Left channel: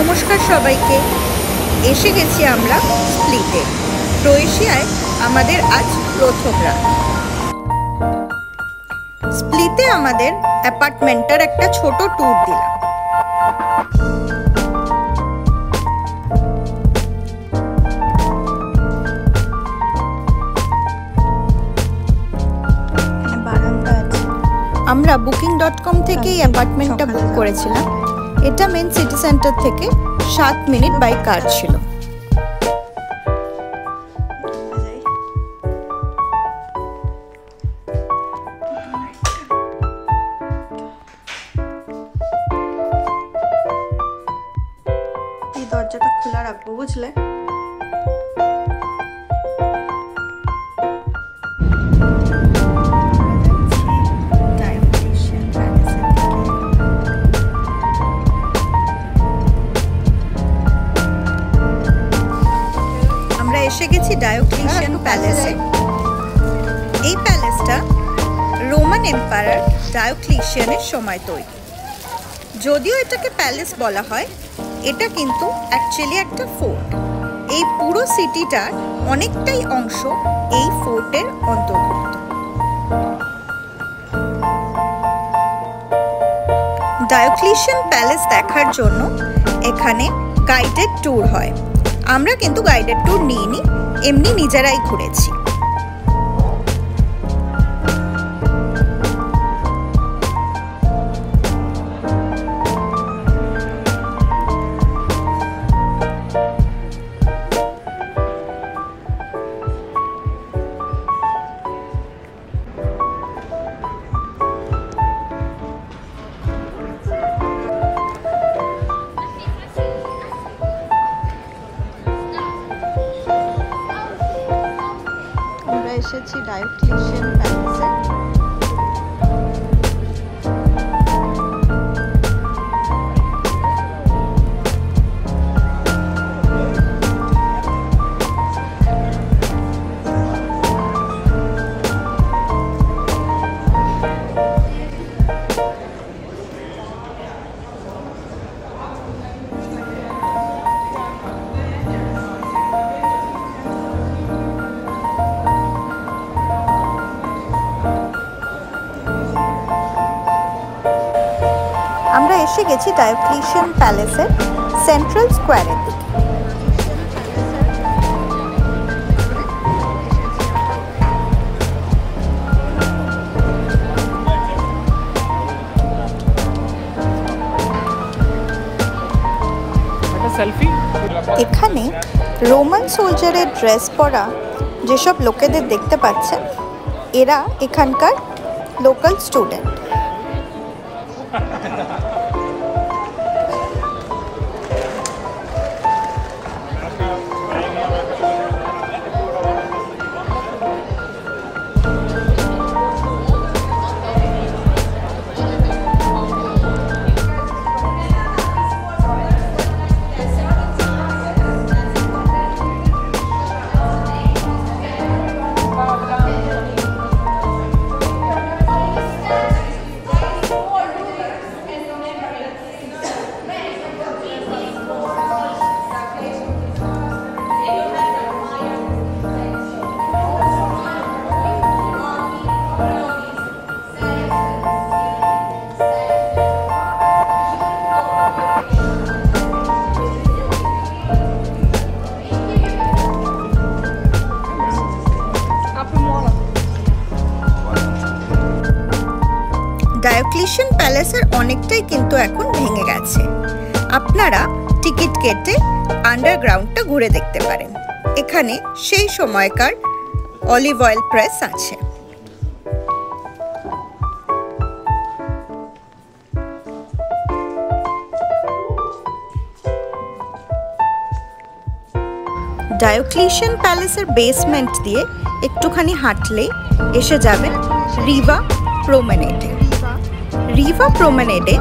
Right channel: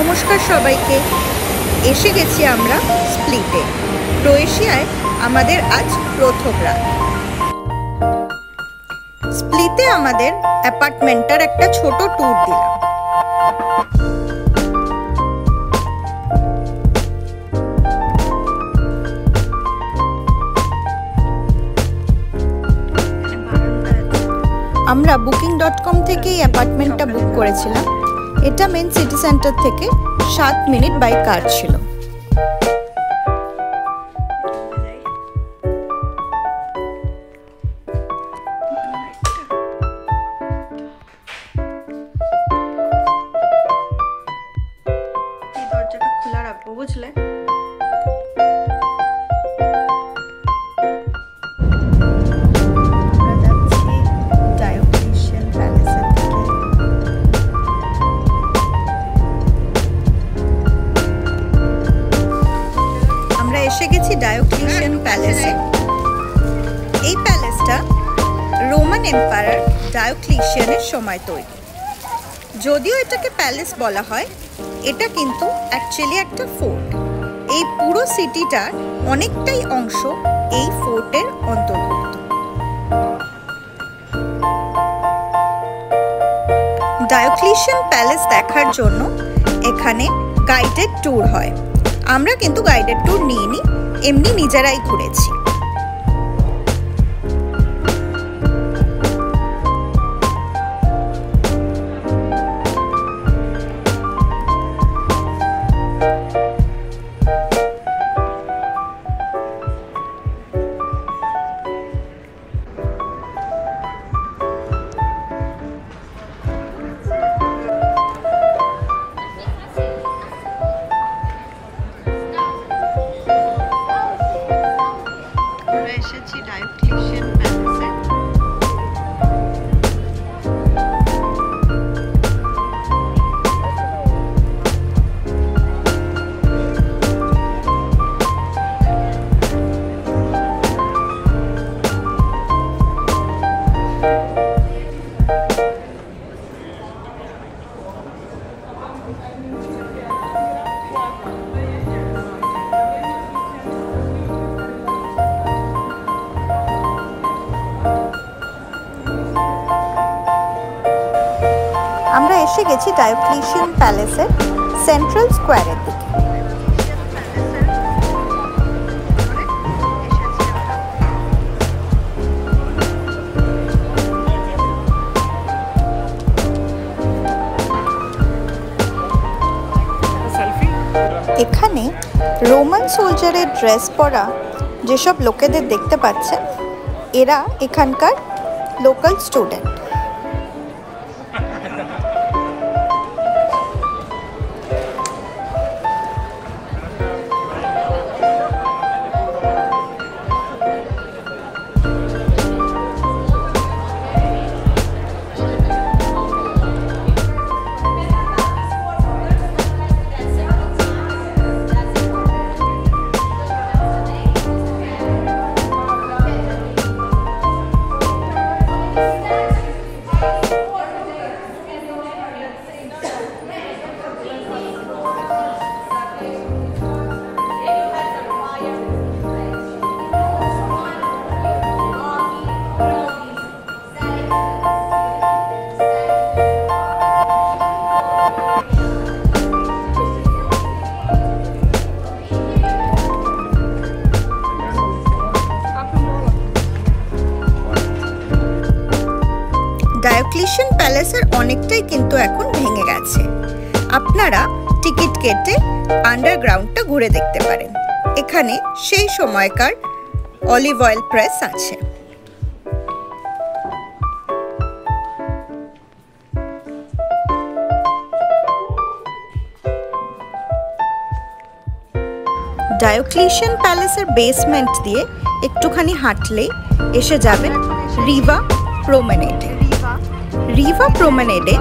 নমস্কার সবাইকে। এসে গেছি আমরা স্প্লিটে। ক্রোয়েশিয়ায় আমাদের আজ প্রথম রাত। স্প্লিটে আমাদের অ্যাপার্টমেন্টের একটা ছোট ট্যুর দিলাম। আমরা booking.com থেকে এই অ্যাপার্টমেন্টটা বুক করেছিলাম। এটা মেন সিটি সেন্টার থেকে 7 মিনিট বাই কার ছিল। এই দরজাটা খোলা রাখবো, বুঝলে? এসে গেছি ডায়োক্লিশিয়ান প্যালেসে। এই প্যালেসটা রোমান এম্পায়ার ডায়োক্লিশিয়ানের সময় তৈরি। যদিও এটাকে প্যালেস বলা হয়, এটা কিন্তু অ্যাকচুয়ালি একটা ফোর্ট। এই পুরো সিটিটার অনেকটাই অংশ এই ফোর্টের অন্তর্ভুক্ত। ডায়োক্লিশিয়ান প্যালেস দেখার জন্য এখানে গাইডেড ট্যুর হয়। আমরা কিন্তু গাইডেড ট্যুর নিইনি, এমনি নিজেরাই ঘুরেছি। এসেছি ডায়োক্লিশিয়ান প্যালেসে। আমরা এসে গেছি ডায়োক্লিশিয়ান প্যালেসের সেন্ট্রাল স্কোয়ারের দিকে। এখানে রোমান সোলজারের ড্রেস পরা যেসব লোকেদের দেখতে পাচ্ছেন, এরা এখানকার লোকাল স্টুডেন্ট। ডায়োক্লিশিয়ান প্যালেসের অনেকটাই কিন্তু এখন ভেঙে গেছে। আপনারা টিকিট কেটে আন্ডারগ্রাউন্ডটা ঘুরে দেখতে পারেন। এখানে সেই সময়কার অলিভ অয়েল প্রেস আছে। ডায়োক্লিশিয়ান প্যালেসের বেসমেন্ট দিয়ে একটুখানি হাঁটলেই এসে যাবেন রিভা প্রমেনেডে। রিভা প্রমেনেডে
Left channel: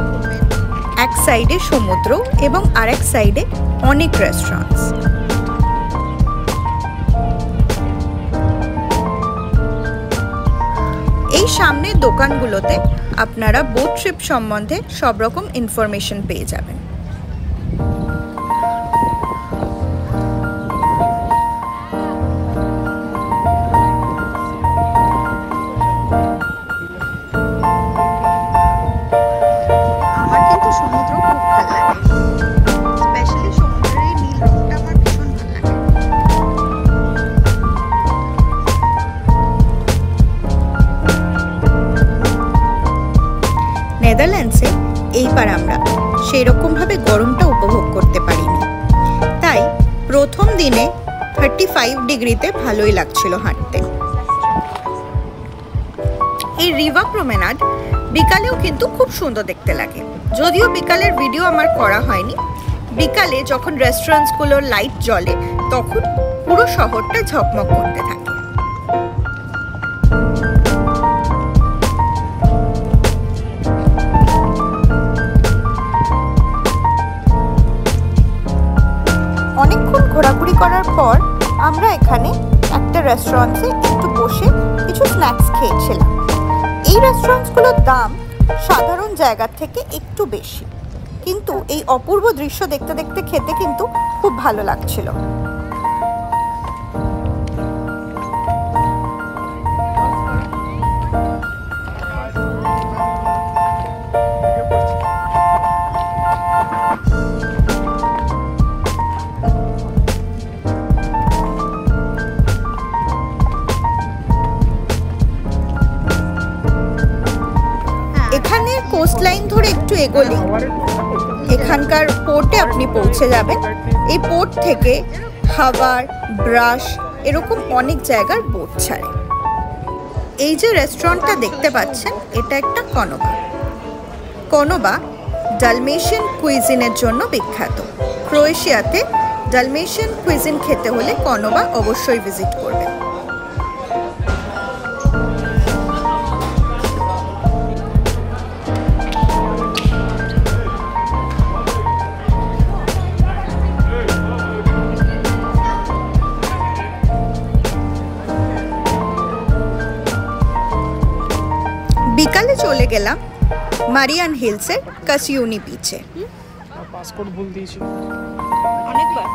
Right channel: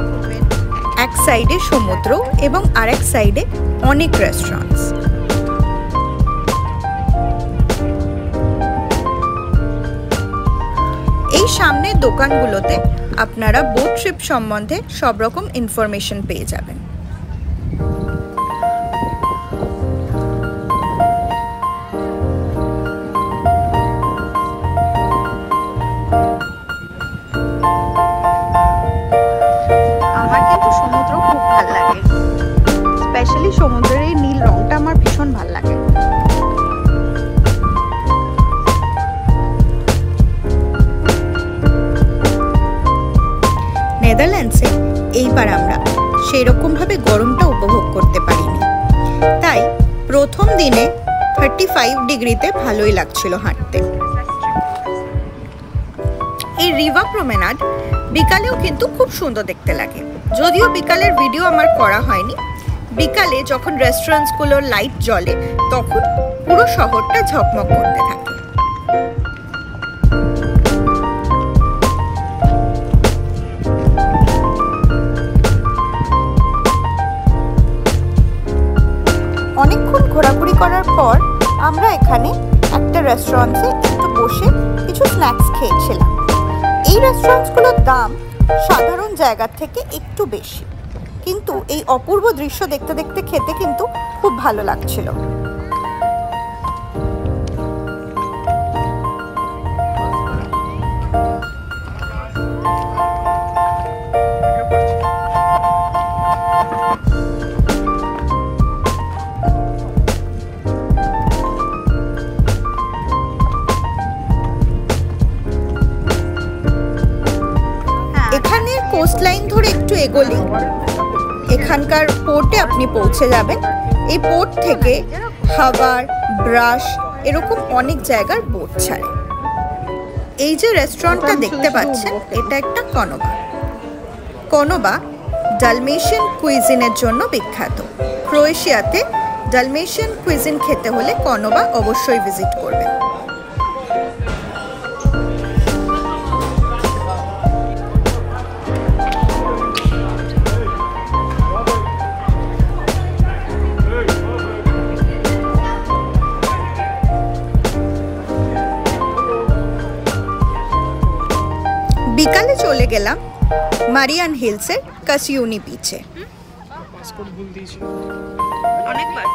এক সাইডে সমুদ্র এবং আরেক সাইডে অনেক রেস্টুরেন্টস। এই সামনের দোকানগুলোতে আপনারা বোট ট্রিপ সম্বন্ধে সব রকম ইনফরমেশন পেয়ে যাবেন। সেরকমভাবে গরমটা উপভোগ করতে পারিনি। তাই প্রথম দিনে 35 ডিগ্রিতে ভালোই লাগছিল হাঁটতে। এই রিভার প্রমেনাড বিকালেও কিন্তু খুব সুন্দর দেখতে লাগে। যদিও বিকালের ভিডিও আমার করা হয়নি, বিকালে যখন রেস্টুরেন্টসগুলোর লাইট জ্বলে তখন পুরো শহরটা ঝকমক করতে থাকে। অনেকক্ষণ ঘোরাঘুরি করার পর আমরা এখানে একটা রেস্টুরেন্টে একটু বসে কিছু স্ন্যাক্স খেয়েছিলাম। এই রেস্টুরেন্টসগুলোর দাম সাধারণ জায়গার থেকে একটু বেশি, কিন্তু এই অপূর্ব দৃশ্য দেখতে দেখতে খেতে কিন্তু খুব ভালো লাগছিল। এখানের কোস্টলাইন ধরে একটু এগোলেই এখানকার পোর্টে আপনি পৌঁছে যাবেন। এই পোর্ট থেকে হাওয়ার, ব্রাশ এরকম অনেক জায়গার বোট ছাড়ে। এই যে রেস্টুরেন্টটা দেখতে পাচ্ছেন, এটা একটা কনোবা। কনোবা ডালমেশিয়ান কুইজিনের জন্য বিখ্যাত। ক্রোয়েশিয়াতে ডালমেশিয়ান কুইজিন খেতে হলে কনোবা অবশ্যই ভিজিট করবেন। বিকালে চলে গেলাম মারিয়ান হিলসের কাসিউনি বিচে। পাসপোর্ট ভুল দিয়েছি অনেকবার।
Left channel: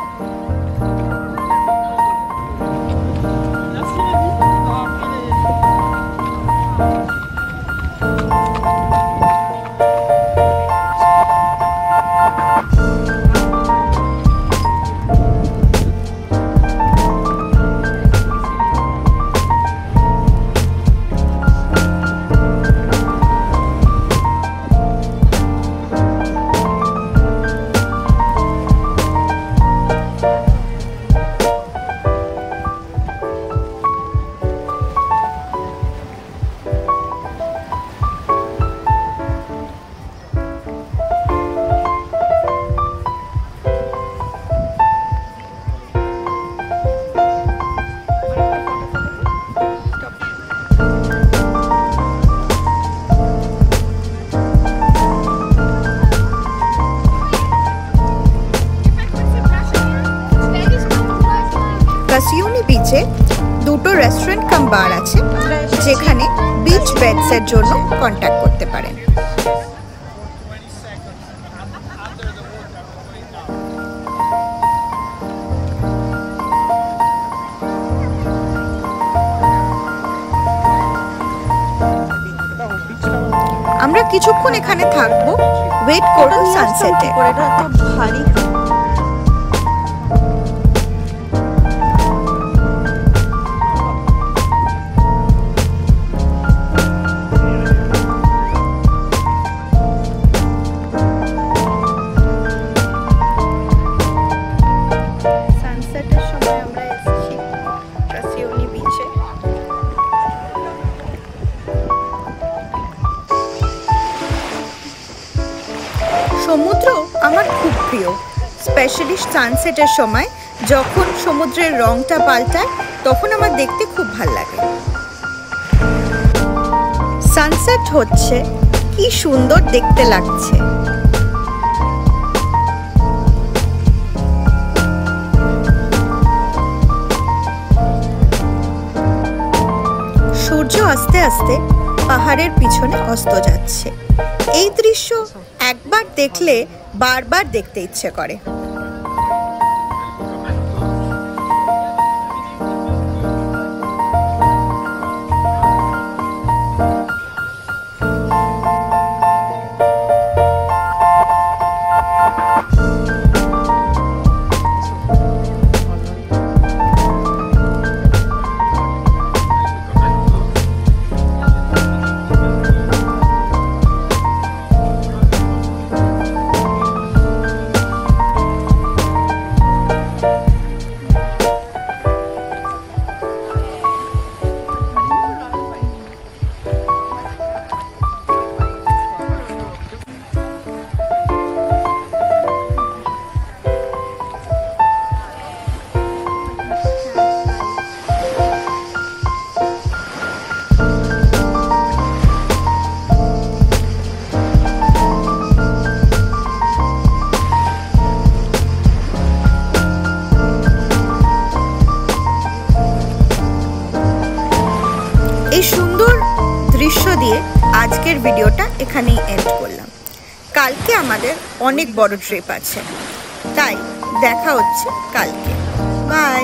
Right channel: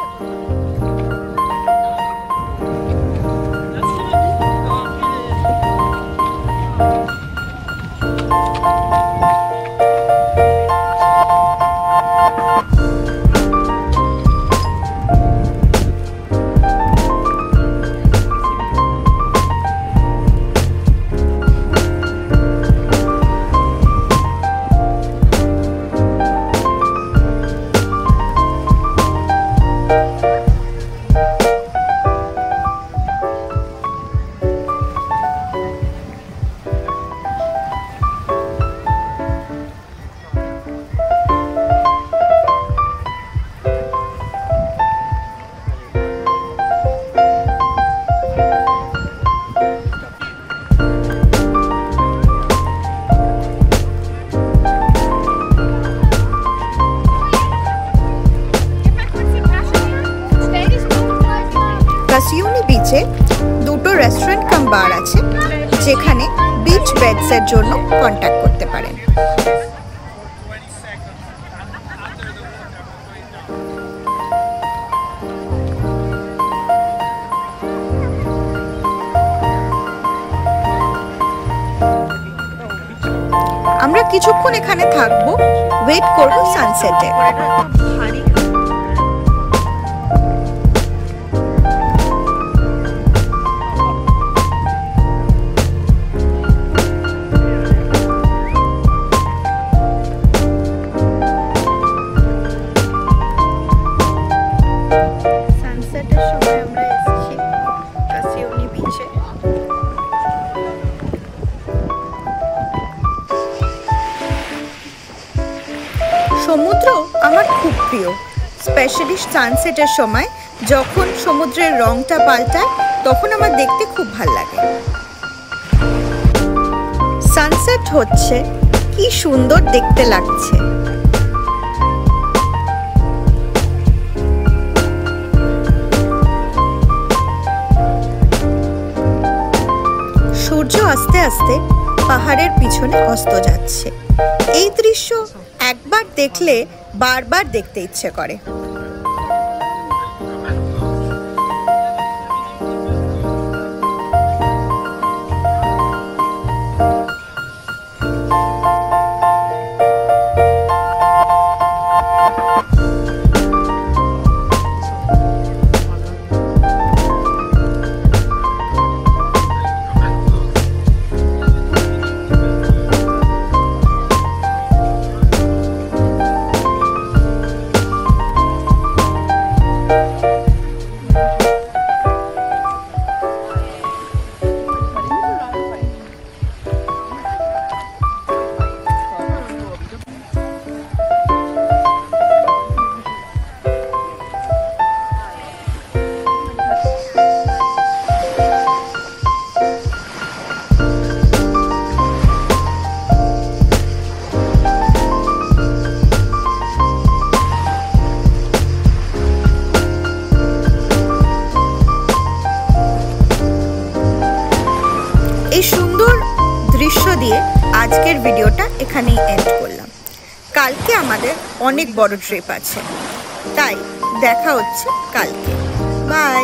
কাসিউনি বিচে দুটো রেস্টুরেন্ট কাম বার আছে, যেখানে বিচ বেডস এর জন্য কন্ট্যাক্ট করতে পারেন। আমরা কিছুক্ষণ এখানে থাকবো, ওয়েট করব সানসেটে। ভারী সানসেটের সময় আমরা এসেছি কাসিউনি বিচে। সমুদ্র আমার খুব প্রিয়, স্পেশালি সানসেটের সময় যখন সমুদ্রের রংটা পাল্টায় তখন আমার দেখতে খুব ভাল লাগে। সানসেট হচ্ছে কি সুন্দর দেখতে লাগছে। সূর্য আস্তে আস্তে পাহাড়ের পিছনে অস্ত যাচ্ছে। এই দৃশ্য একবার দেখলে বারবার দেখতে ইচ্ছে করে। দৃশ্য দিয়ে আজকের ভিডিওটা এখানেই এন্ড করলাম। কালকে আমাদের অনেক বড় ট্রিপ আছে, তাই দেখা হচ্ছে কালকে। বাই।